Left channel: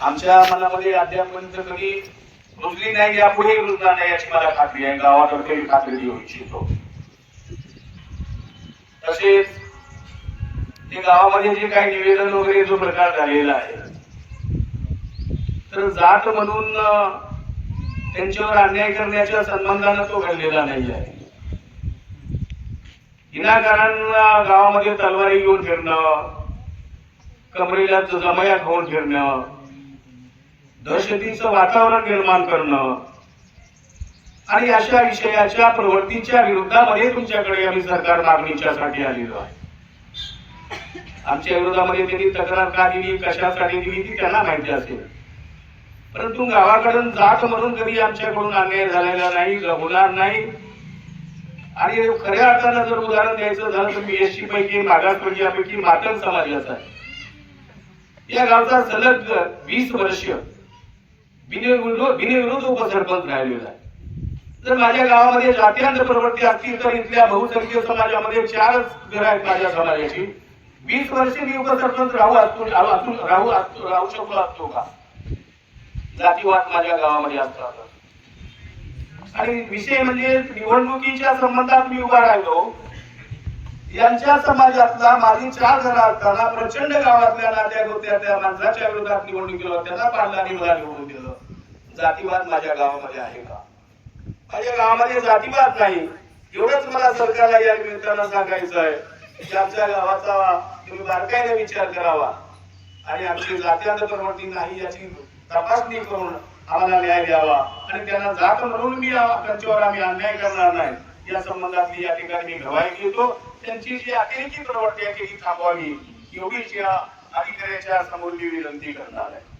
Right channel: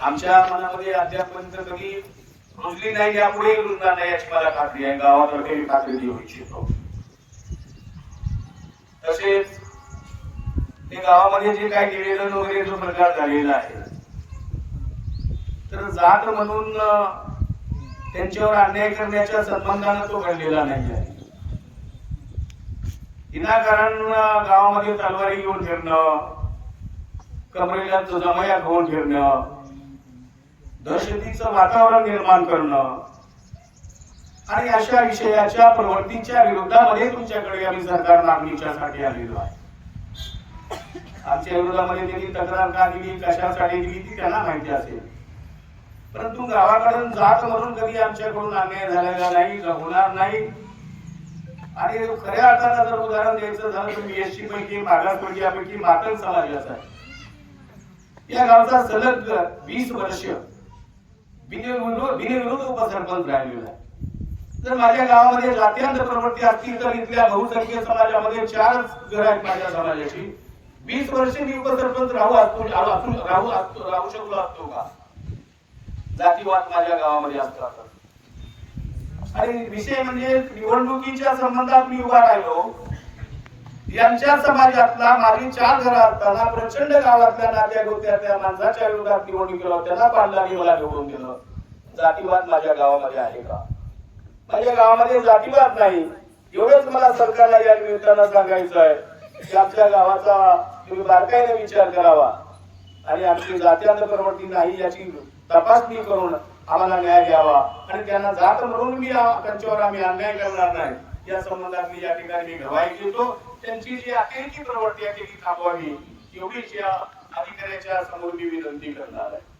आमच्या मनामध्ये अद्यापर्यंत कधी रुजली नाही यापुढे रुजणार नाही याची मला खात्री आहे. गावातर्फे मी खात्री देऊ इच्छितो. तसेच ते गावामध्ये जे काही निवेदन वगैरे जो प्रकार झालेला आहे तर जात म्हणून त्यांच्यावर अन्याय करण्याच्या संबंधानं तो घडलेला नाही आहे. विनाकारण गावामध्ये तलवारी घेऊन फिरणं कमरेला जमया खाऊन फिरणं दहशतीचं वातावरण निर्माण करणं. आणि अशा विषयाच्या प्रवृत्तीच्या विरोधामध्ये तुमच्याकडे आम्ही सरकार मागणीच्यासाठी आलेलो आहे. आमच्या विरोधामध्ये त्यांनी तक्रार का दिली कशासाठी दिली ती त्यांना माहिती असेल. परंतु गावाकडून जात म्हणून कधी आमच्याकडून अन्याय झालेला नाही होणार नाही. आणि खऱ्या अर्थानं जर उदाहरण द्यायचं झालं तर बीएससी पैकी मागासवर्गीयापैकी मातंग समाजाचा. आहे या गावचा सलग वीस वर्ष बिनविरोध बिनविरोध उपसरपंच राहिलेला जर माझ्या गावामध्ये जातीयांत प्रवृत्ती असतील तर इथल्या बहुसंख्य समाजामध्ये चारच घर आहेत माझ्या समाजाची. वीस वर्ष मी उपसरपंच राहू असतो राहू राहू असतो राहू शकलो असतो का? जातीवाद माझ्या गावामध्ये असतात आणि विषय म्हणजे निवडणुकीच्या संबंधात मी उभा राहिलो. यांच्या समाजातला माझी चार घरं असताना प्रचंड गावातल्या नात्या गोत्यातल्या माणसाच्या विरोधात निवडणुकीला त्यांना पाडलं आणि मला निवडून दिलं. जातीवाद माझ्या गावामध्ये आहे का? माझ्या गावामध्ये जातीवाद नाही. एवढंच मला सरकारला या निमित्तानं सांगायचं आहे की आमच्या गावाचा तुम्ही बारकाईने विचार करावा. आणि आमची जातीयांत प्रवृत्ती नाही याची तपासणी करून आम्हाला न्याय द्यावा. आणि त्यांना जात म्हणून मी त्यांच्यावर आम्ही अन्याय करणार नाही. या संबंधातली या ठिकाणी मी गवाही घेतो. त्यांची जी अतिरेकी प्रवृत्ती आहे ती थांबवावी. एवढीच या अधिकाऱ्याच्या समोर विनंती करणार आहे.